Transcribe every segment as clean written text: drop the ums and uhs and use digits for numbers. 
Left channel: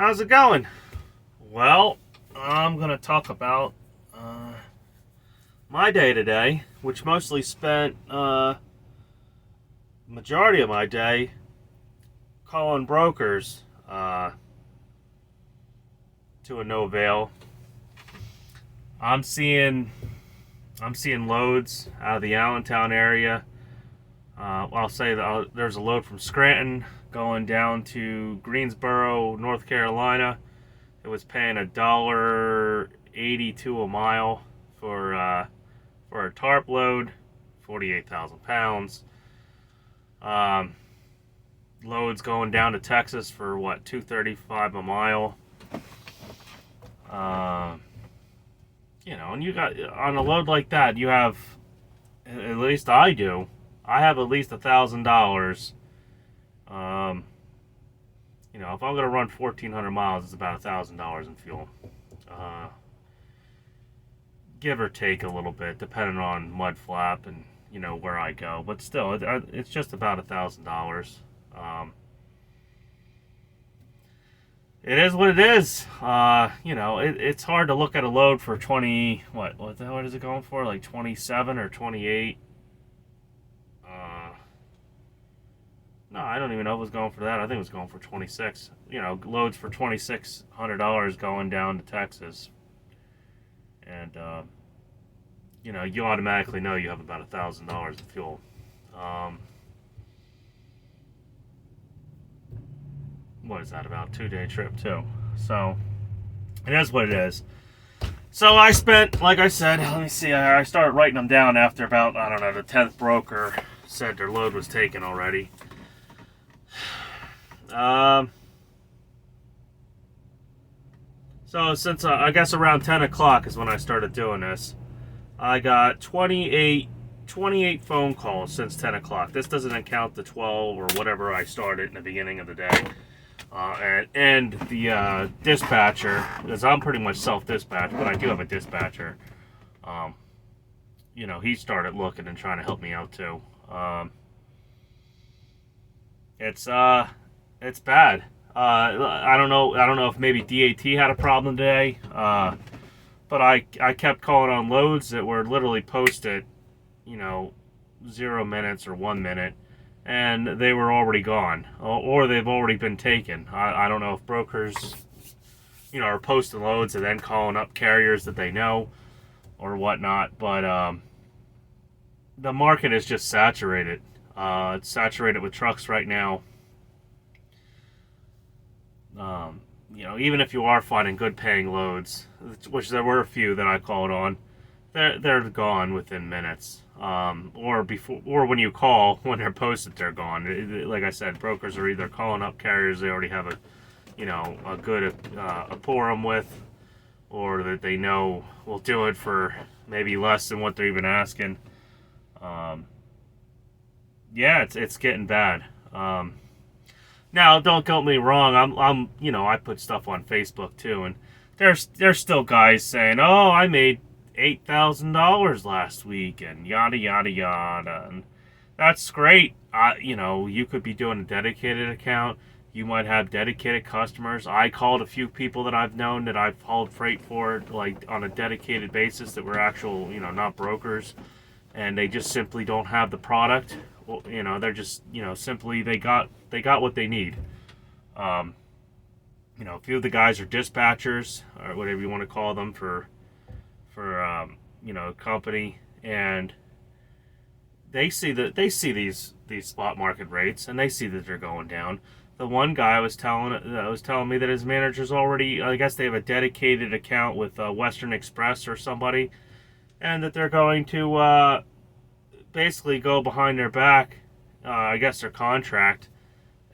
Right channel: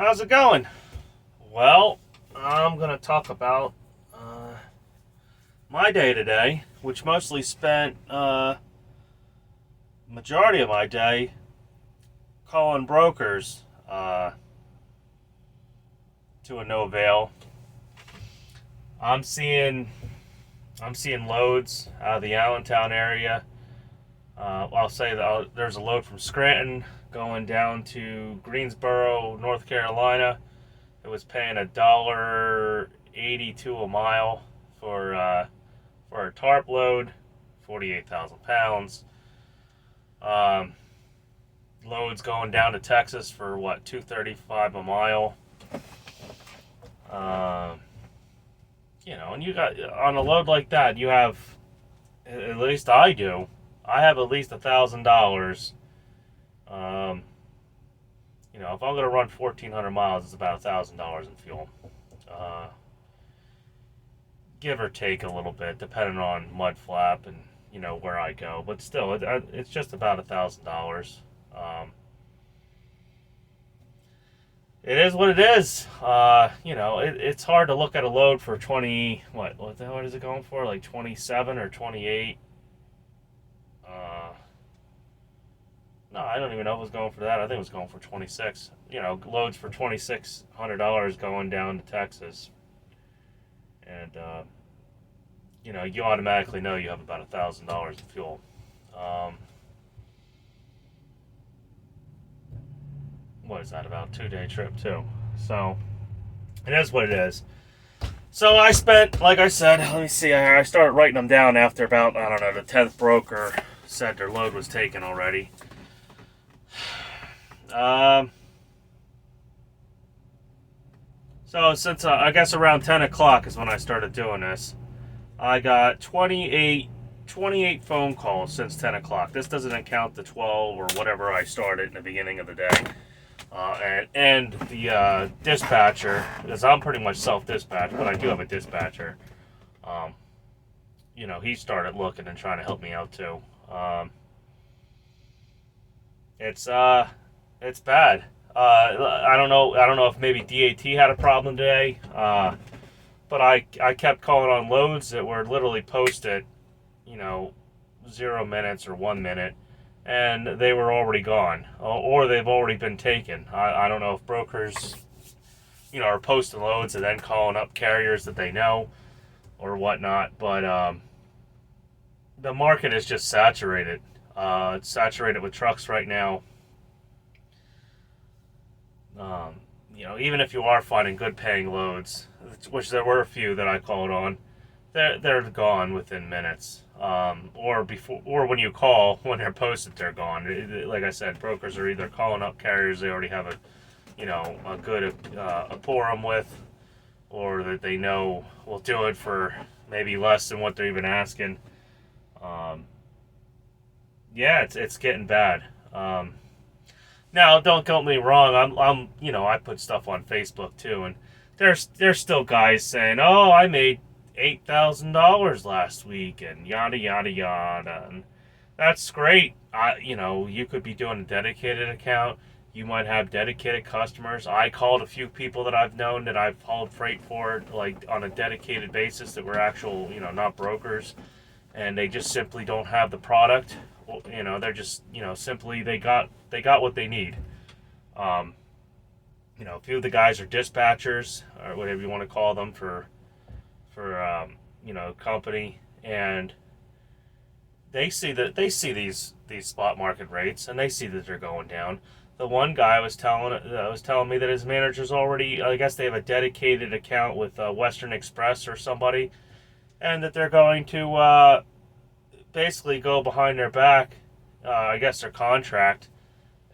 how's it going? Well, I'm going to talk about my day today, which mostly spent majority of my day calling brokers to no avail. I'm seeing loads out of the Allentown area. I'll say that there's a load from Scranton going down to Greensboro, North Carolina. It was paying $1.82 a mile for a tarp load, 48,000 pounds. Loads going down to Texas for what, $2.35 a mile. And you got on a load like that, you have, at least I do. I have at least $1,000. If I'm going to run 1,400 miles, it's about $1,000 in fuel. Give or take a little bit, depending on mud flap and, where I go. But still, it's just about $1,000. It is what it is. It's hard to look at a load for 20, what is it going for? Like 27 or 28? No, I don't even know if it was going for that. I think it was going for 26. Loads for $2,600 going down to Texas. And, you automatically know you have about $1,000 in fuel. What is that, about 2-day trip too? So, it is what it is. So I spent, like I said, let me see, I started writing them down after about, I don't know, the 10th broker said their load was taken already. So since I guess around 10 o'clock is when I started doing this, I got 28 phone calls since 10 o'clock. This doesn't account the 12 or whatever I started in the beginning of the day. And the dispatcher, because I'm pretty much self-dispatched, but I do have a dispatcher. He started looking and trying to help me out too. It's bad. I don't know if maybe DAT had a problem today, but I kept calling on loads that were literally posted, 0 minutes or 1 minute, and they were already gone, or they've already been taken. I don't know if brokers, are posting loads and then calling up carriers that they know or whatnot, but the market is just saturated. It's saturated with trucks right now. Even if you are finding good paying loads, which there were a few that I called on, they're gone within minutes. Or when you call, when they're posted, they're gone. Like I said, brokers are either calling up carriers they already have a good quorum with, or that they know will do it for maybe less than what they're even asking. It's getting bad. Now, don't get me wrong. I put stuff on Facebook too, and there's still guys saying, "Oh, I made $8,000 last week," and yada yada yada, and that's great. You could be doing a dedicated account. You might have dedicated customers. I called a few people that I've known that I've hauled freight for, like on a dedicated basis, that were actual, not brokers, and they just simply don't have the product. Well, they're just, simply they got what they need. A few of the guys are dispatchers or whatever you want to call them for company, and they see these spot market rates, and they see that they're going down. The one guy was telling me that his manager's already, I guess they have a dedicated account with Western Express or somebody, and that they're going to basically go behind their back, I guess their contract,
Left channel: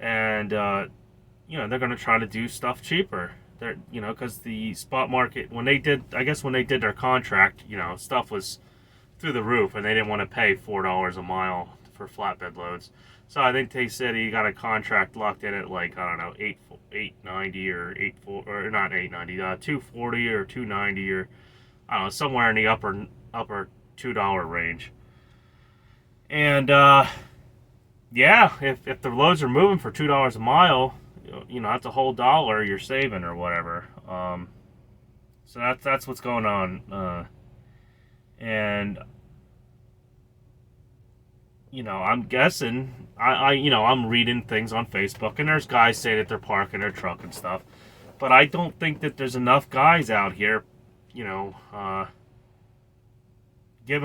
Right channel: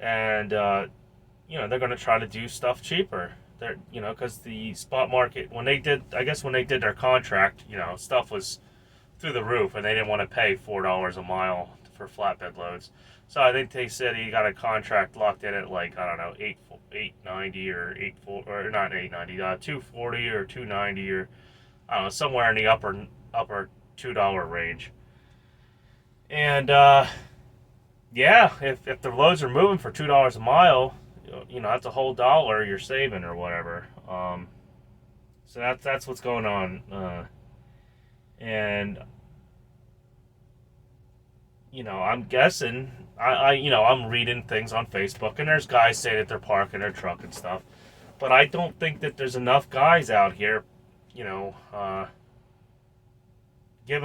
and they're going to try to do stuff cheaper. They're, because the spot market, when they did their contract, stuff was through the roof, and they didn't want to pay $4 a mile for flatbed loads. So I think they said he got a contract locked in at, like, I don't know, $8.90 or not $8.90, $2.40 or $2.90, or I don't know, somewhere in the upper $2 range. And if the loads are moving for $2 a mile, that's a whole dollar you're saving or whatever. So that's what's going on. And I'm guessing I'm reading things on Facebook, and there's guys saying that they're parking their truck and stuff, but I don't think that there's enough guys out here, giving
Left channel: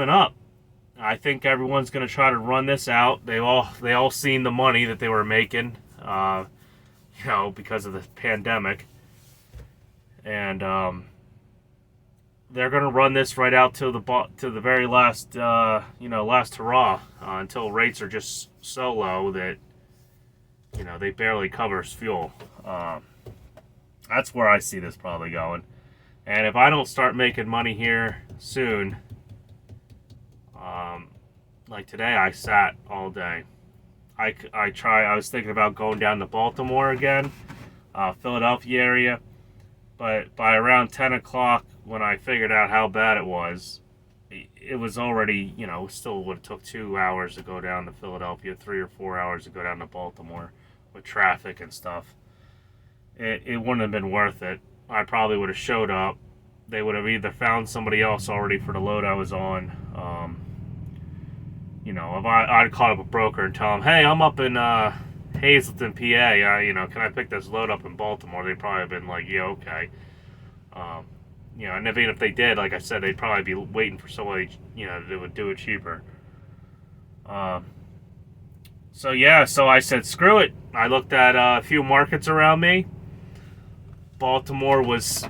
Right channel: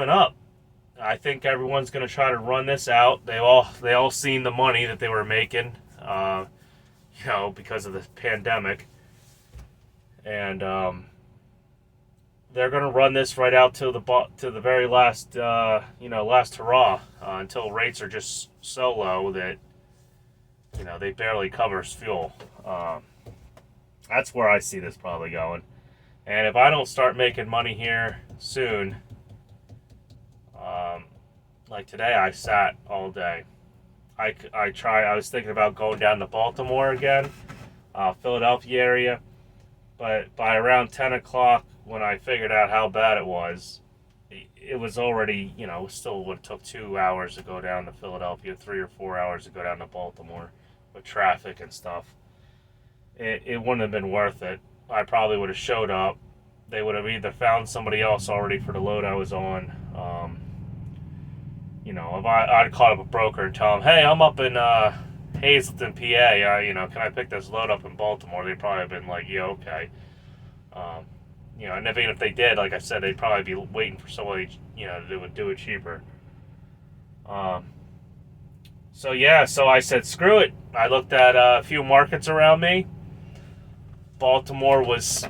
up. I think everyone's going to try to run this out. They all seen the money that they were making, because of the pandemic, and they're going to run this right out to the very last last hurrah, until rates are just so low that they barely covers fuel. That's where I see this probably going. And if I don't start making money here soon, like today, I sat all day. I was thinking about going down to Baltimore again, Philadelphia area, but by around 10 o'clock, when I figured out how bad it was already, still would have took 2 hours to go down to Philadelphia, 3 or 4 hours to go down to Baltimore with traffic and stuff. It wouldn't have been worth it. I probably would have showed up. They would have either found somebody else already for the load I was on. If I'd call up a broker and tell them, hey, I'm up in Hazleton, PA, can I pick this load up in Baltimore? They'd probably have been like, yeah, okay. And even if they did, like I said, they'd probably be waiting for somebody, that would do it cheaper. So I said, screw it. I looked at a few markets around me. Baltimore was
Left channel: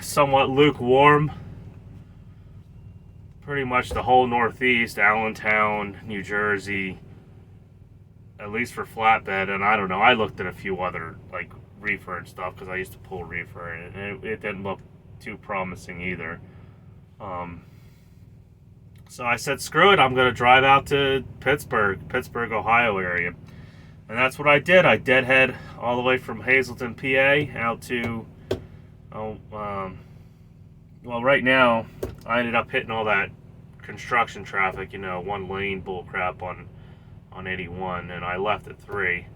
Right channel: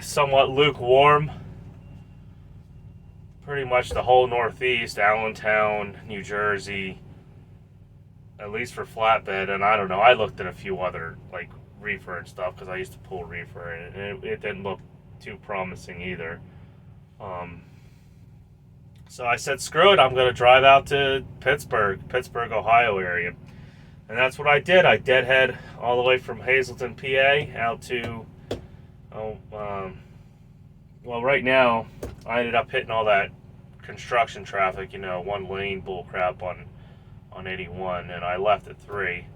somewhat lukewarm. Pretty much the whole Northeast, Allentown, New Jersey, at least for flatbed. And I don't know, I looked at a few other, like, reefer and stuff, because I used to pull reefer, and it didn't look too promising either. So I said, screw it, I'm going to drive out to Pittsburgh, Ohio area. And that's what I did. I deadhead all the way from Hazleton, PA, out to, right now, I ended up hitting all that construction traffic, one lane bullcrap on 81, and I left at 3.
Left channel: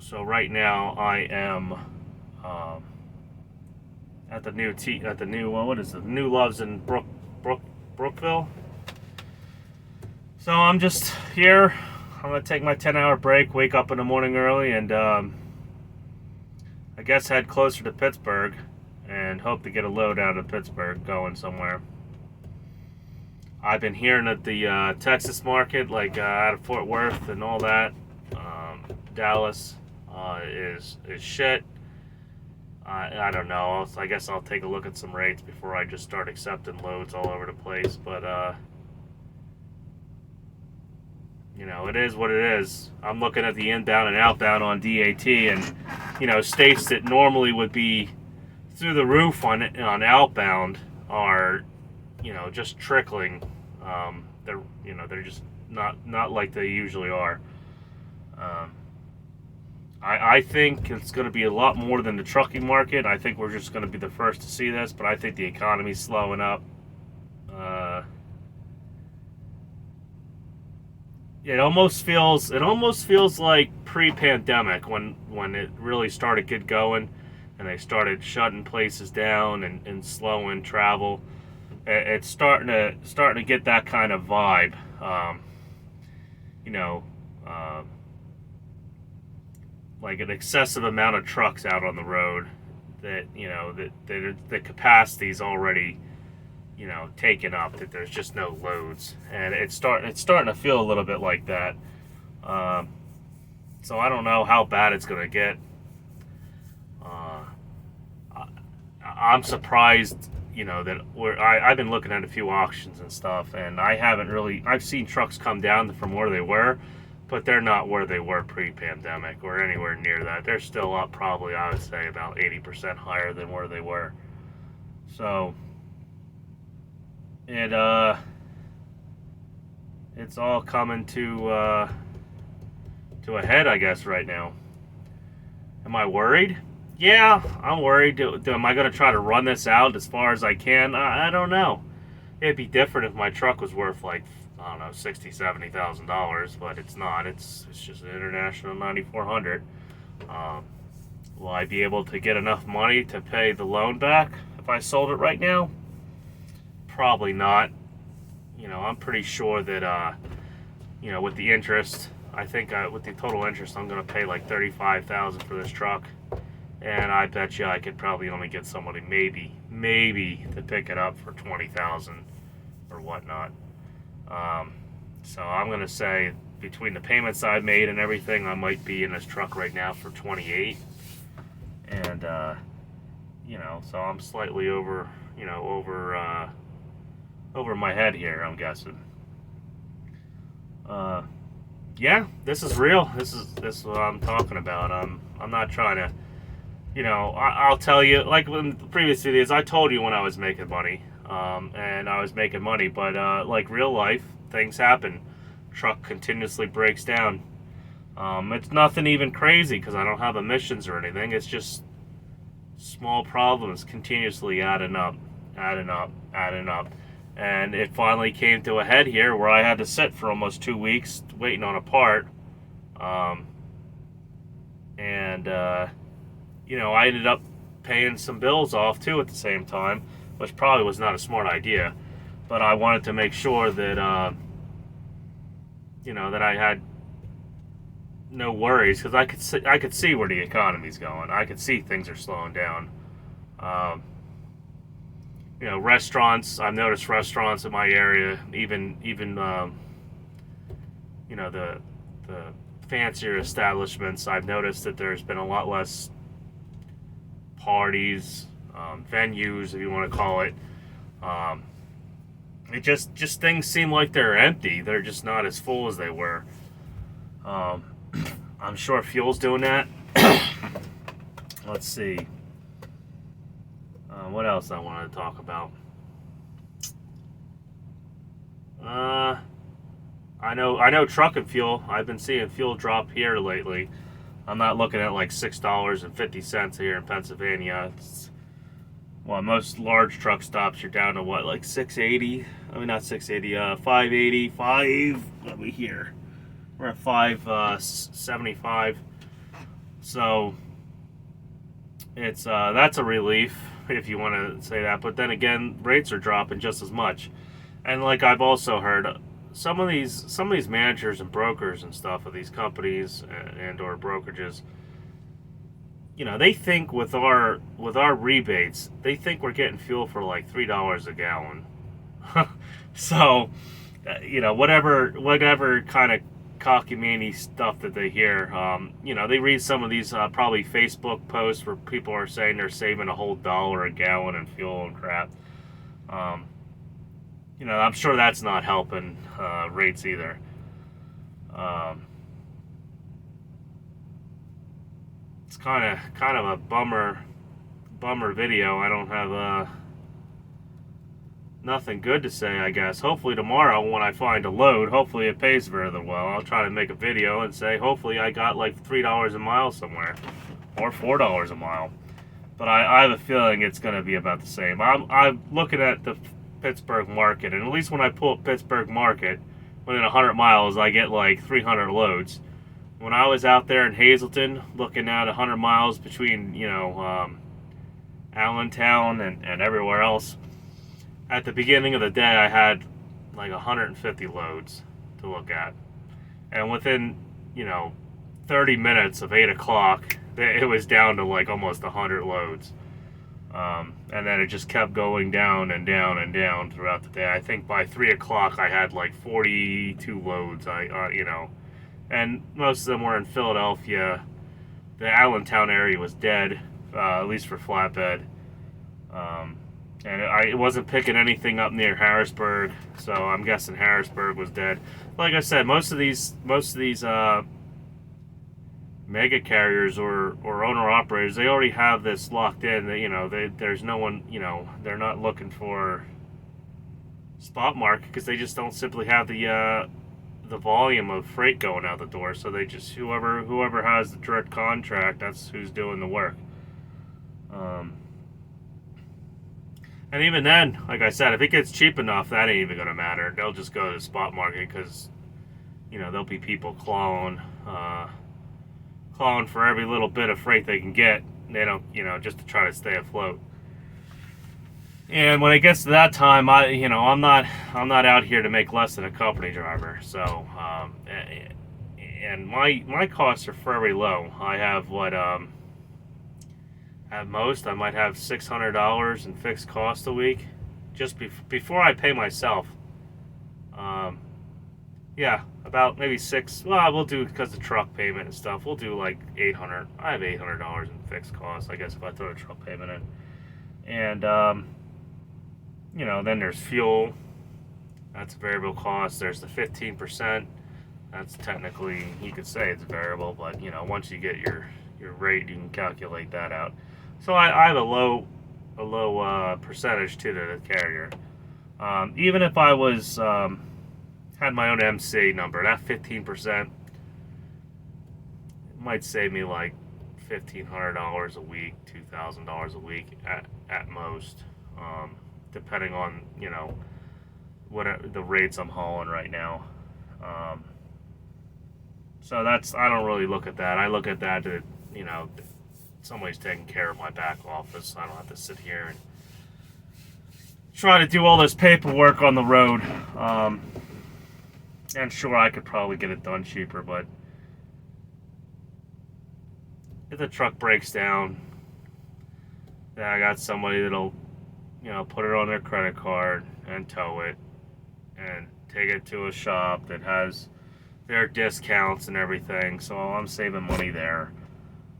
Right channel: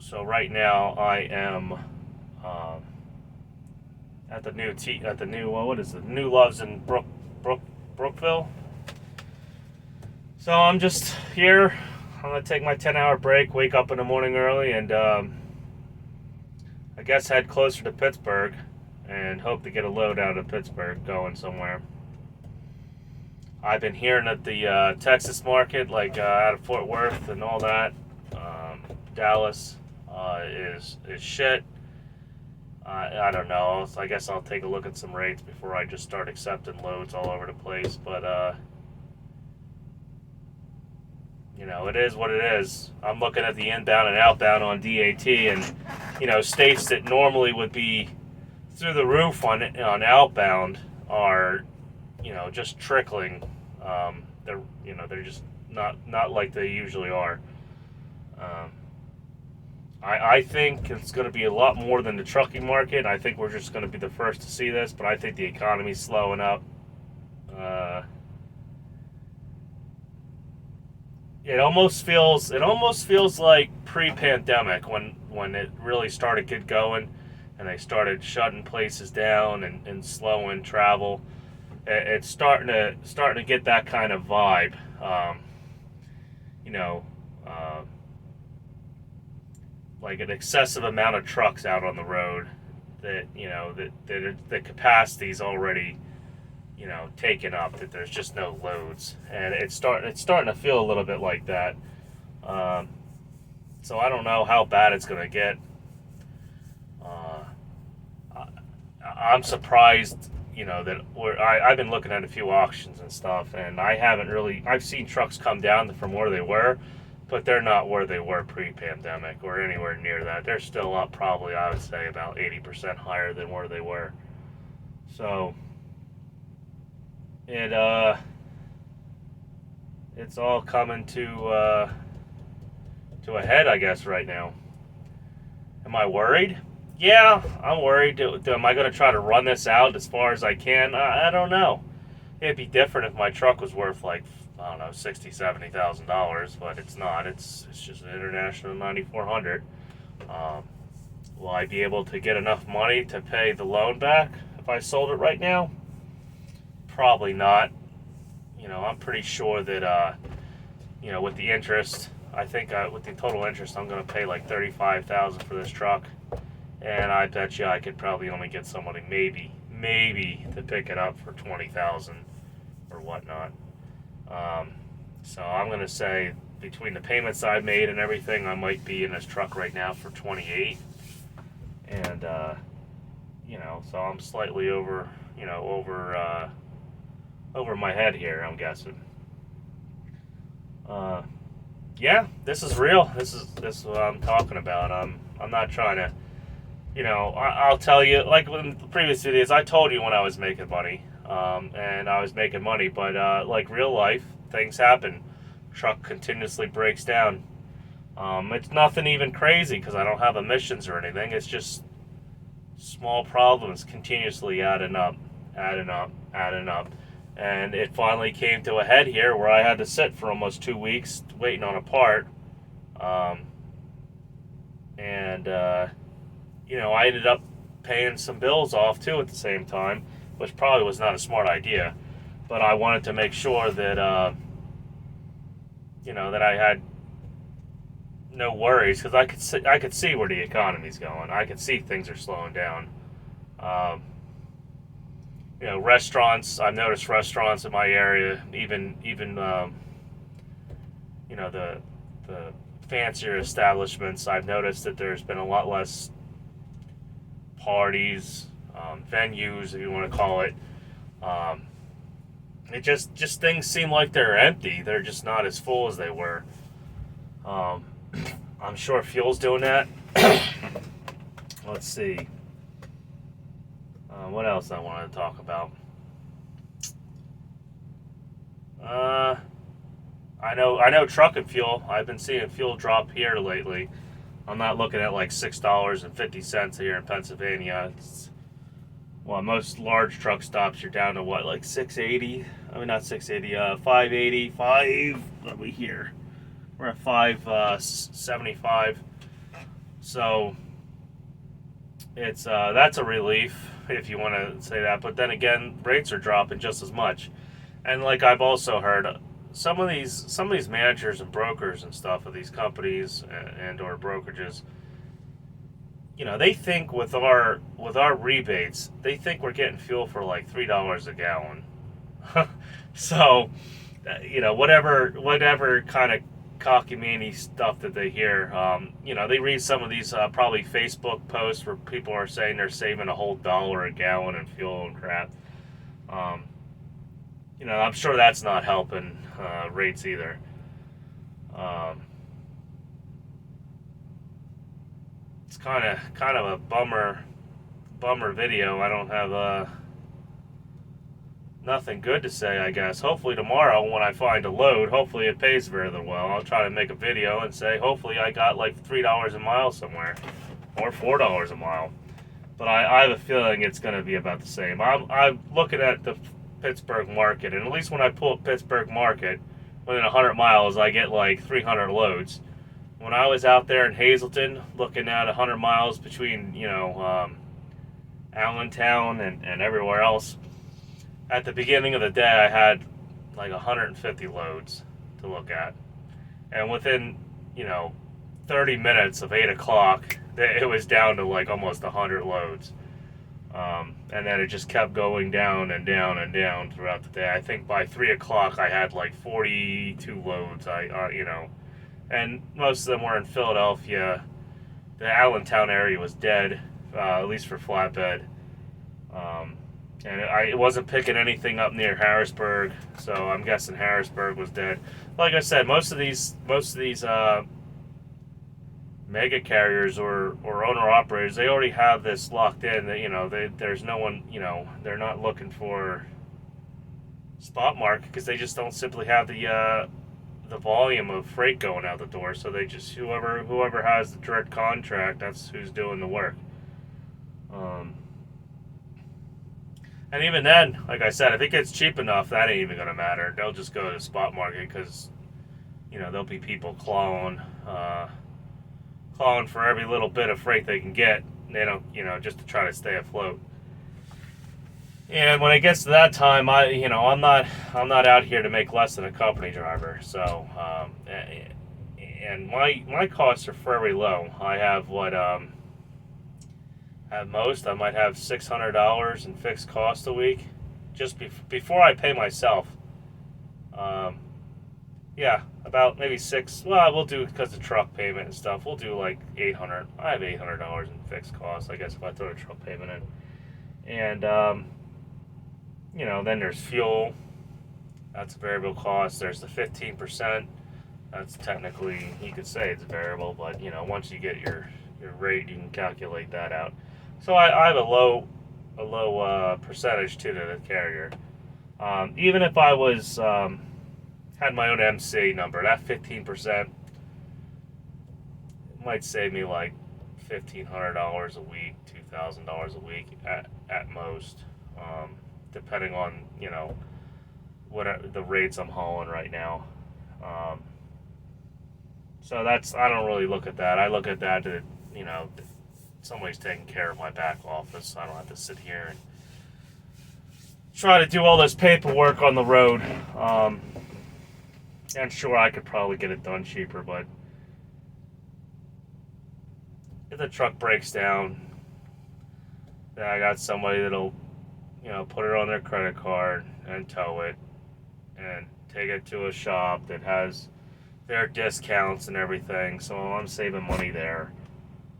So right now I am at the new Loves in Brookville. So I'm just here. I'm gonna take my 10-hour break, wake up in the morning early, and I guess head closer to Pittsburgh and hope to get a load out of Pittsburgh going somewhere. I've been hearing that the Texas market, like out of Fort Worth and all that, Dallas, is shit. I don't know. So I guess I'll take a look at some rates before I just start accepting loads all over the place. But it is what it is. I'm looking at the inbound and outbound on DAT, and states that normally would be through the roof on outbound are just trickling. They're just not like they usually are. I think it's going to be a lot more than the trucking market. I think we're just going to be the first to see this, but I think the economy's slowing up. It almost feels like pre-pandemic when it really started to get going, and they started shutting places down and slowing travel. It's starting to get that kind of vibe. Like an excessive amount of trucks out on the road that the capacity's already taken up, that there's just no loads, and it's starting to feel a little bit like that. So I don't know how bad it's going to get. I'm surprised that I've been looking at a few auctions and stuff, and I've seen trucks come down from where they were, but they're not where they were pre-pandemic or anywhere near that. They're still up probably, I would say, about 80% higher than where they were. So it's all coming to a head, I guess, right now. Am I worried? Yeah, I'm worried. Am I going to try to run this out as far as I can? I don't know. It'd be different if my truck was worth like I don't know, $60,000, $70,000, but it's not. It's just an International 9400. Um, will I be able to get enough money to pay the loan back if I sold it right now? Probably not. I'm pretty sure that with the interest, I think with the total interest, I'm going to pay like $35,000 for this truck, and I bet you I could probably only get somebody maybe to pick it up for $20,000 or whatnot. So I'm going to say between the payments I've made and everything, I might be in this truck right now for 28, and so I'm slightly over my head here, I'm guessing. Yeah, this is real. This is what I'm talking about. I'm not trying to, I'll tell you, like in the previous videos, I told you when I was making money, and I was making money, but like real life, things happen. Truck continuously breaks down. It's nothing even crazy because I don't have emissions or anything. It's just small problems continuously adding up. And it finally came to a head here where I had to sit for almost 2 weeks waiting on a part. I ended up paying some bills off too at the same time, which probably was not a smart idea. But I wanted to make sure that, that I had no worries, because I could see where the economy's going. I could see things are slowing down. Restaurants. I've noticed restaurants in my area, even the fancier establishments. I've noticed that there's been a lot less parties, venues, if you want to call it. It just things seem like they're empty. They're just not as full as they were. I'm sure fuel's doing that. Let's see. What else I wanted to talk about? I know truck and fuel. I've been seeing fuel drop here lately. I'm not looking at like $6.50 here in Pennsylvania. Most large truck stops you're down to what, like 680? I mean, not 680. 580. What are we here? We're at 575. So it's that's a relief, if you want to say that. But then again, rates are dropping just as much. And like I've also heard, some of these managers and brokers and stuff of these companies and or brokerages, they think with our rebates, they think we're getting fuel for like $3 a gallon. So, whatever kind of cockamamie stuff that they hear, they read some of these probably Facebook posts where people are saying they're saving a whole $1 a gallon in fuel and crap. I'm sure that's not helping rates either. It's kind of a bummer video. I don't have nothing good to say, I guess. Hopefully tomorrow when I find a load, hopefully it pays very well. I'll try to make a video and say hopefully I got like $3 a mile somewhere, or $4 a mile. But I have a feeling it's going to be about the same. I'm looking at the Pittsburgh market, and at least when I pull up Pittsburgh market, within 100 miles I get like 300 loads. When I was out there in Hazleton looking at 100 miles between Allentown and everywhere else, at the beginning of the day I had like 150 loads to look at, and within 30 minutes of 8 o'clock it was down to like almost 100 loads. And then it just kept going down and down and down throughout the day. I think by 3 o'clock I had like 42 loads. And most of them were in Philadelphia. The Allentown area was dead, at least for flatbed. And I wasn't picking anything up near Harrisburg, so I'm guessing Harrisburg was dead. Like I said, most of these mega carriers or owner operators, they already have this locked in. There's no one, they're not looking for spot market because they just don't simply have the volume of freight going out the door. So they just whoever has the direct contract, that's who's doing the work. And even then, like I said, if it gets cheap enough, that ain't even gonna matter. They'll just go to the spot market because there'll be people clawing for every little bit of freight they can get. They don't, just to try to stay afloat. And when it gets to that time, I'm not out here to make less than a company driver. So, and my costs are very low. I have at most I might have $600 in fixed cost a week, just before I pay myself. Um, yeah, about maybe six. Well, we'll do because the truck payment and stuff. We'll do like 800. I have $800 in fixed costs, I guess, if I throw a truck payment in. And then there's fuel. That's a variable cost. There's the 15%. That's technically, you could say it's variable, but once you get your rate, you can calculate that out. So I have a low percentage to the carrier. Even if I was had my own MC number, that 15% might save me like $1,500 a week, $2,000 a week at most, depending on what are the rates I'm hauling right now. So I don't really look at that. I look at that that somebody's taking care of my back office. I don't have to sit here and try to do all this paperwork on the road. And sure, I could probably get it done cheaper, but if the truck breaks down, then I got somebody that'll put it on their credit card and tow it and take it to a shop that has their discounts and everything. So I'm saving money there.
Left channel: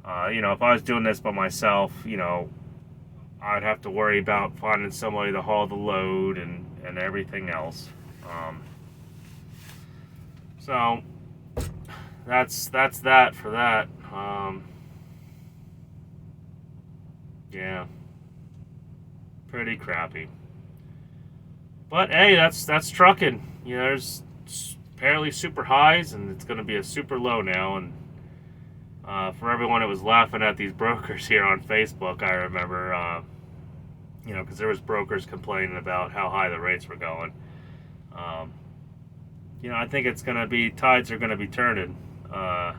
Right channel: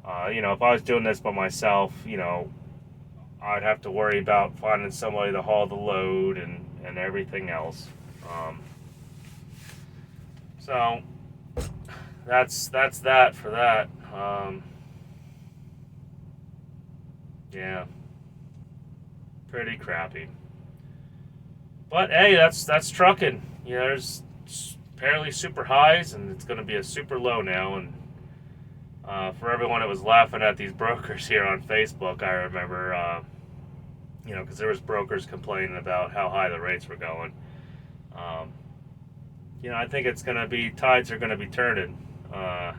If I was doing this by myself, I'd have to worry about finding somebody to haul the load and everything else. So that's that for that. Yeah, pretty crappy. But hey, that's trucking. There's apparently super highs, and it's going to be a super low now. And for everyone that was laughing at these brokers here on Facebook, I remember, because there was brokers complaining about how high the rates were going. I think it's going to be, tides are going to be turning. I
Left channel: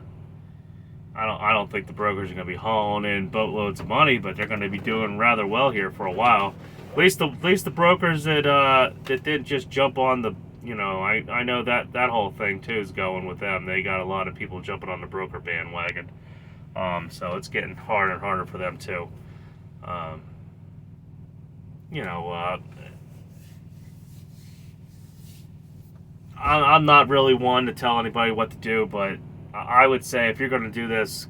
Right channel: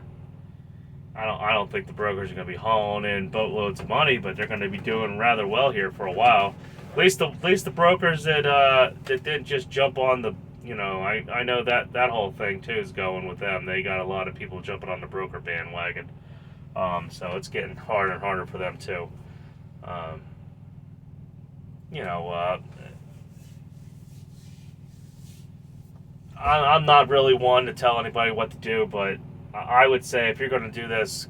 don't think the brokers are going to be hauling in boatloads of money, but they're going to be doing rather well here for a while. At least the brokers that didn't just jump on the, I know that whole thing too is going with them. They got a lot of people jumping on the broker bandwagon. So it's getting harder and harder for them too. I'm not really one to tell anybody what to do, but I would say if you're going to do this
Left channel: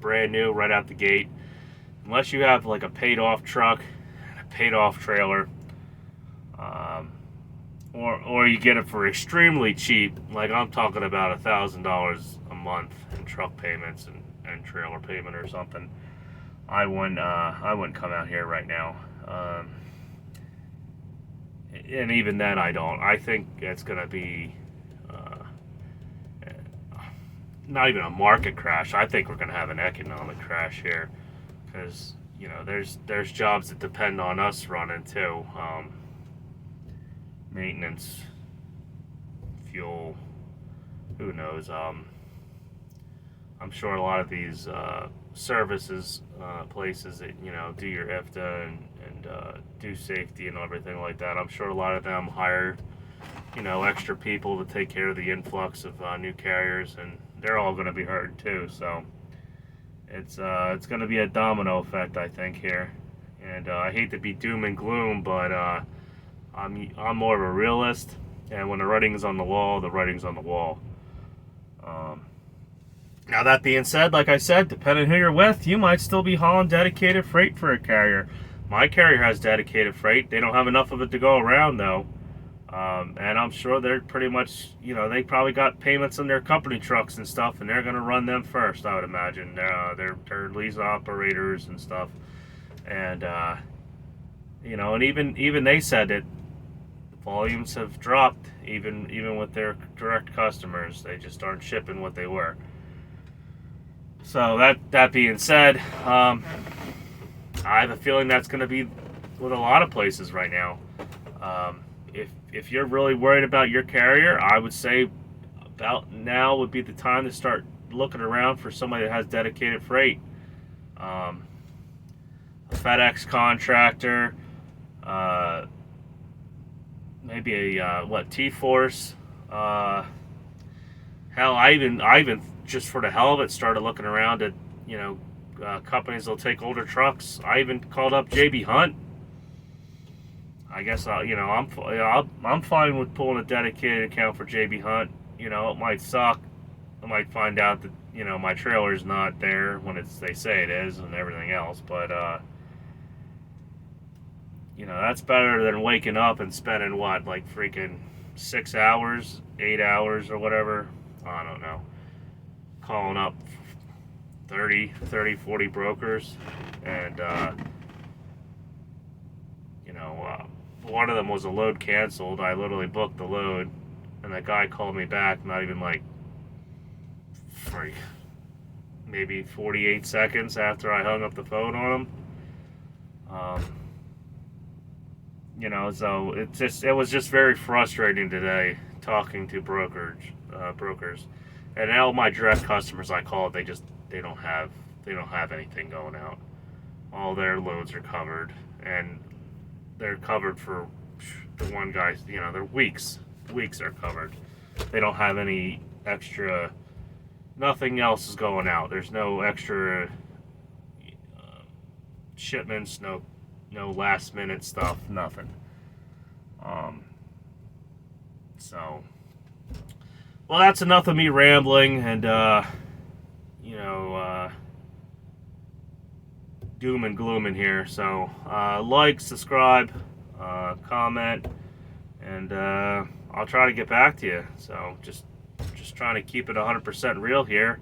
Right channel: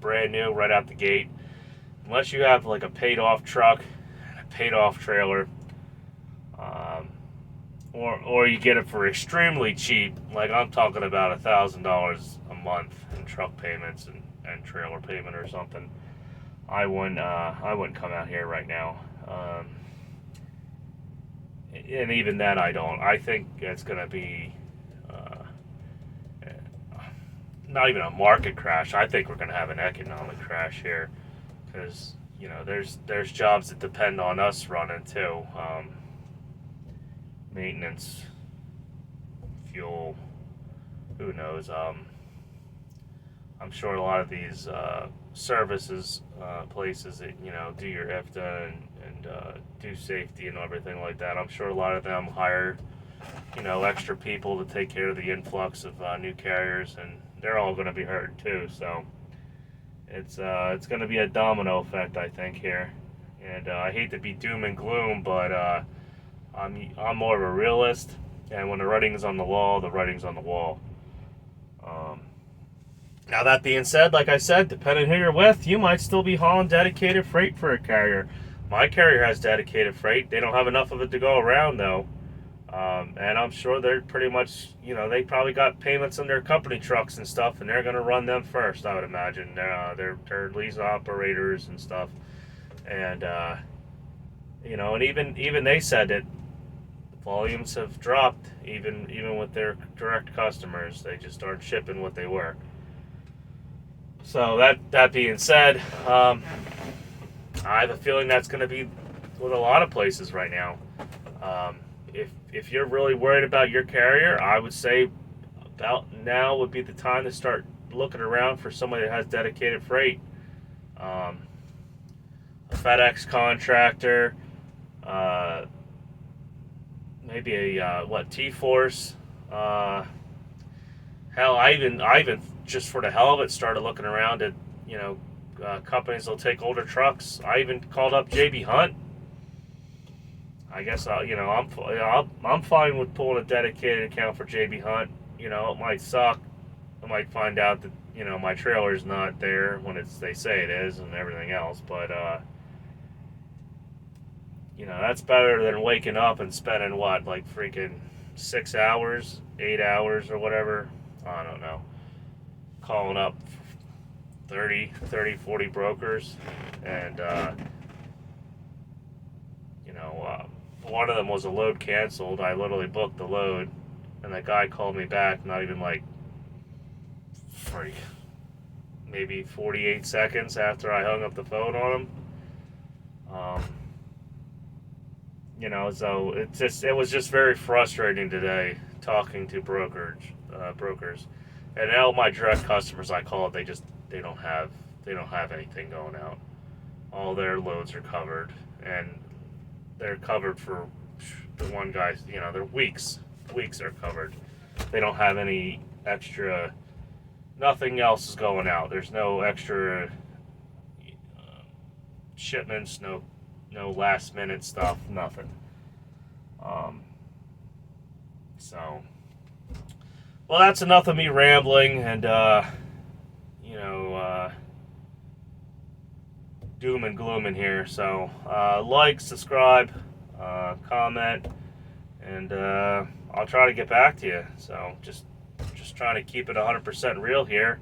brand new right out the gate, unless you have like a paid off truck, a paid off trailer, or you get it for extremely cheap, like I'm talking about $1,000 a month in truck payments and trailer payment or something, I wouldn't come out here right now. And even then, I don't. I think it's going to be not even a market crash. I think we're going to have an economic crash here because there's jobs that depend on us running too. Maintenance, fuel, who knows? I'm sure a lot of these services places that do your IFTA and do safety and everything like that. I'm sure a lot of them hire extra people to take care of the influx of new carriers, and they're all going to be hurt too. So it's going to be a domino effect, I think, here. And I hate to be doom and gloom, but I'm more of a realist. And when the writing's on the wall, the writing's on the wall. Now that being said, like I said, depending who you're with, you might still be hauling dedicated freight for a carrier. My carrier has dedicated freight. They don't have enough of it to go around though. And I'm sure they're pretty much, they probably got payments on their company trucks and stuff, and they're going to run them first, I would imagine. They're lease operators and stuff. And, and even they said that volumes have dropped, even with their direct customers. They just aren't shipping what they were. So that being said, I have a feeling that's going to be with a lot of places right now. If you're really worried about your carrier, I would say about now would be the time to start looking around for somebody that has dedicated freight. A FedEx contractor, maybe a T-Force. Hell, I even just for the hell of it started looking around at companies that'll take older trucks. I even called up JB Hunt. I guess I'm fine with pulling a dedicated account for JB Hunt. It might suck. I might find out that my trailer's not there when they say it is and everything else, but that's better than waking up and spending like freaking 6 hours, 8 hours or whatever. I don't know. Calling up 30, 40 brokers, and one of them was a load canceled. I literally booked the load, and that guy called me back not even like maybe 48 seconds after I hung up the phone on him. So it was just very frustrating today talking to brokers, and all my direct customers I called, they don't have anything going out. All their loads are covered, and they're covered for the one guy's. Their weeks are covered. They don't have any extra. Nothing else is going out. There's no extra shipments. No last minute stuff. Nothing. So, well, that's enough of me rambling and doom and gloom in here. So, like, subscribe, comment, and I'll try to get back to you. So, just trying to keep it 100% real here.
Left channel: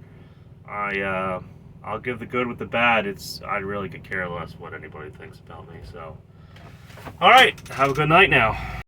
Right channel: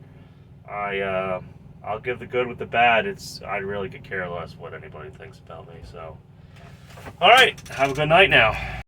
I'll give the good with the bad. I really could care less what anybody thinks about me. So, all right, have a good night now.